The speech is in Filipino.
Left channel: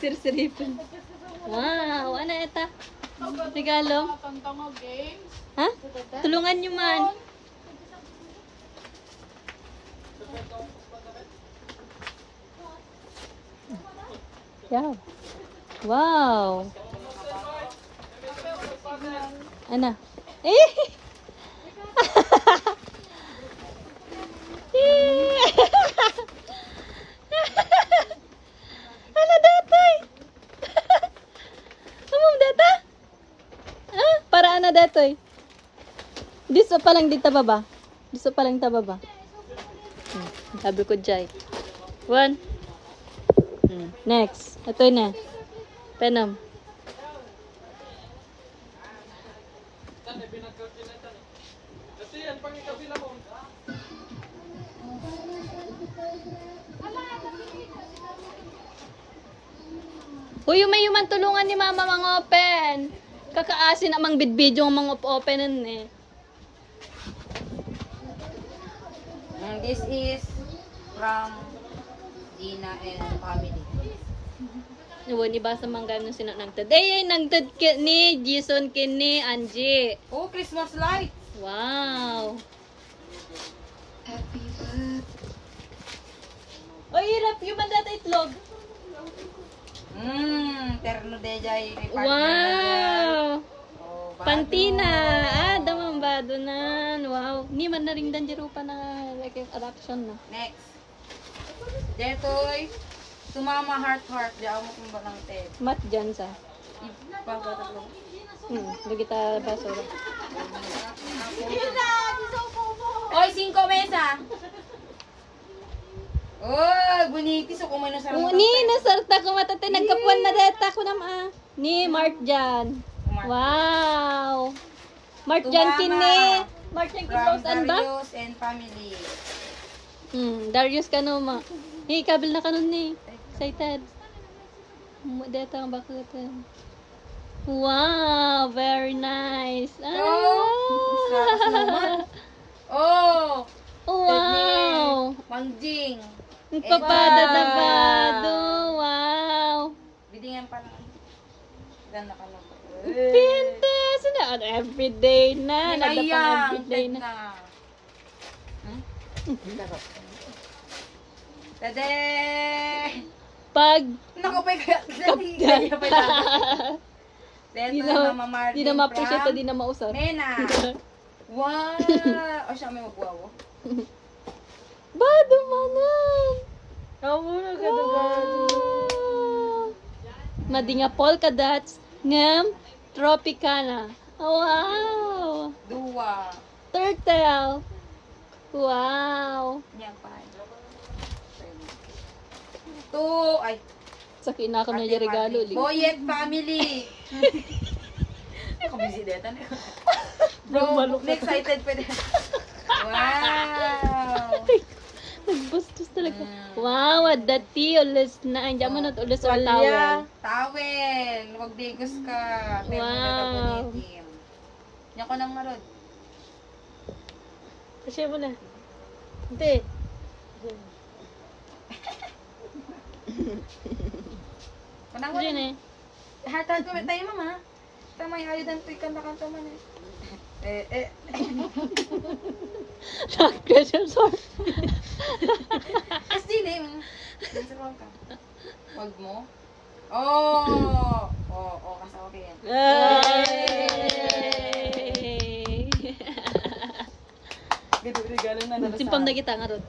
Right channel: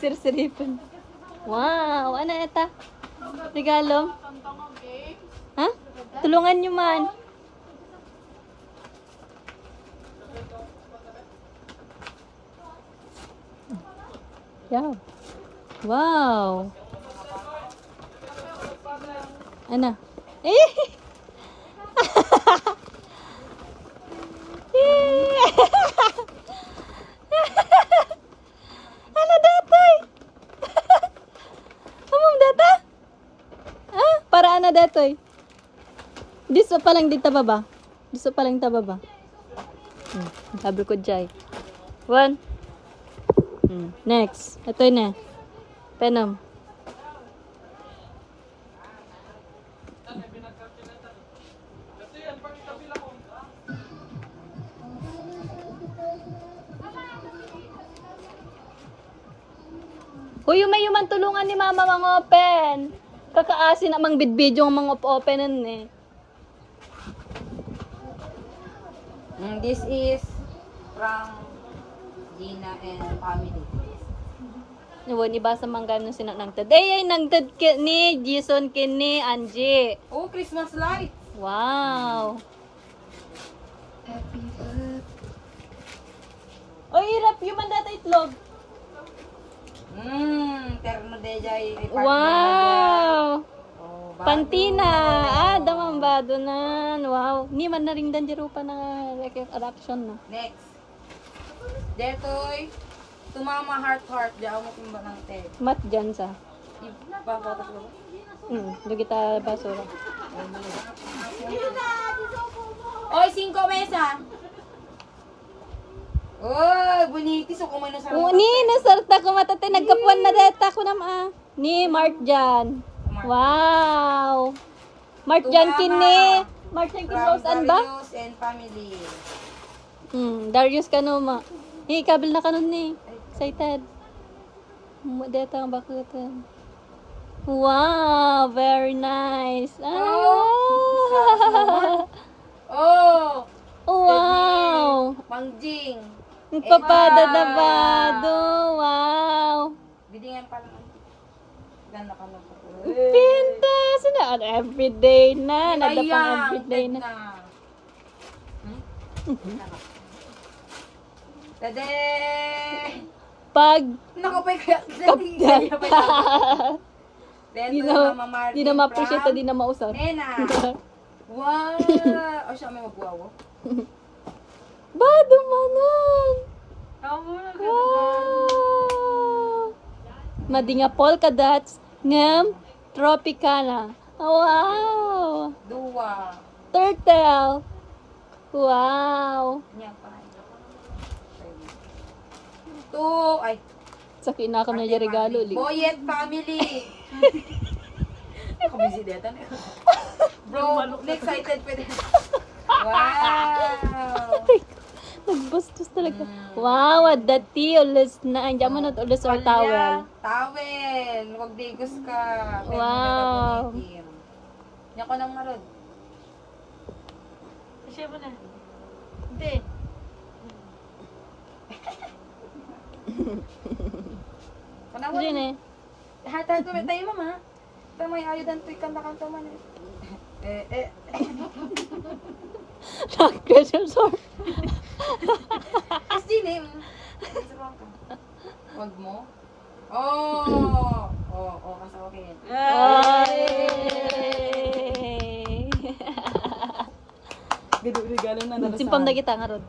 Sirsiripan. Wow, ano ito? Regalo? Ha? Tulungan nyo man. Yeah. Wow. Ano? Eh! Ano datoy? Amam data? Ah, para ano datoy? Diso pa lang dito baba. Diso pa lang ta baba. Sabi ko jay. One. Next. Ito na. Tanam. Uy, may yuman tulungan ni mama mga open. Kakaasin amang bidbidyo ang mga openan eh. This is from Gina and family. Iwan, ibasa mangga yung sinanangtad. Ay, nangtad ni Jason kini Angie. Oh, Christmas light! Wow. Oy, irap yung mandata itlog. Terno de jay. Wow. Oh, Pantina. Ah, damambado na. Wow. Ni man na rin danjiro pa na adoption. No? Next. Detoy. Tumama heart. Diyan mo kung magante. Mat dyan sa. Ipapatak mo. Doon kita pasura. Oy, 5 mesa. Oh, boniti. So, kumain na sa Ni, nasarta ko matate. Nagkapuan na data ko naman. Ni, Mark dyan. Wow. Mark dyan kini. Mark dyan kini. Saan ba? Darius and family. Darius ka no ma. Ni, kabil na ka nun ni. Excited. Deta ang bakit. Wow, very nice. Ah. Oh! Wow. Mangjing. Papada-dabado. Wow. Bidingan pa naman. Ganda ka na. Pinta. Saan everyday na. Bayang. Everyday na. Dede! Pag Nakapay kaya. di na ma-appreciate, di na mausap. Mena! Wow! O siya may mabuawo. Bado manan. Wala ka Madinga polka dots ngam tropicana. Wow. Dua. Turtle. Wow. Niya pa. Two. Ay. Sa kinaka na yung regalo. Boyet family. Kabisi deta na. Bro, excited pwede. Wow. Nagbastos talaga. Wow, dati ulis na. Andiyan mo na ulis ang tawel. Tawel. Huwag digos ka. Wow. Yan ko ng marod. Kasi mo na. Hindi. Kanang mo Diyan na. Hatad mo tayo mama. Ito may ayudan to ikanta-kanta mo na. Nag-pressure sir. As din eh. Nagsuruan ka. Hold mo. Oh, kasawakin. Simpam na kita nga ron.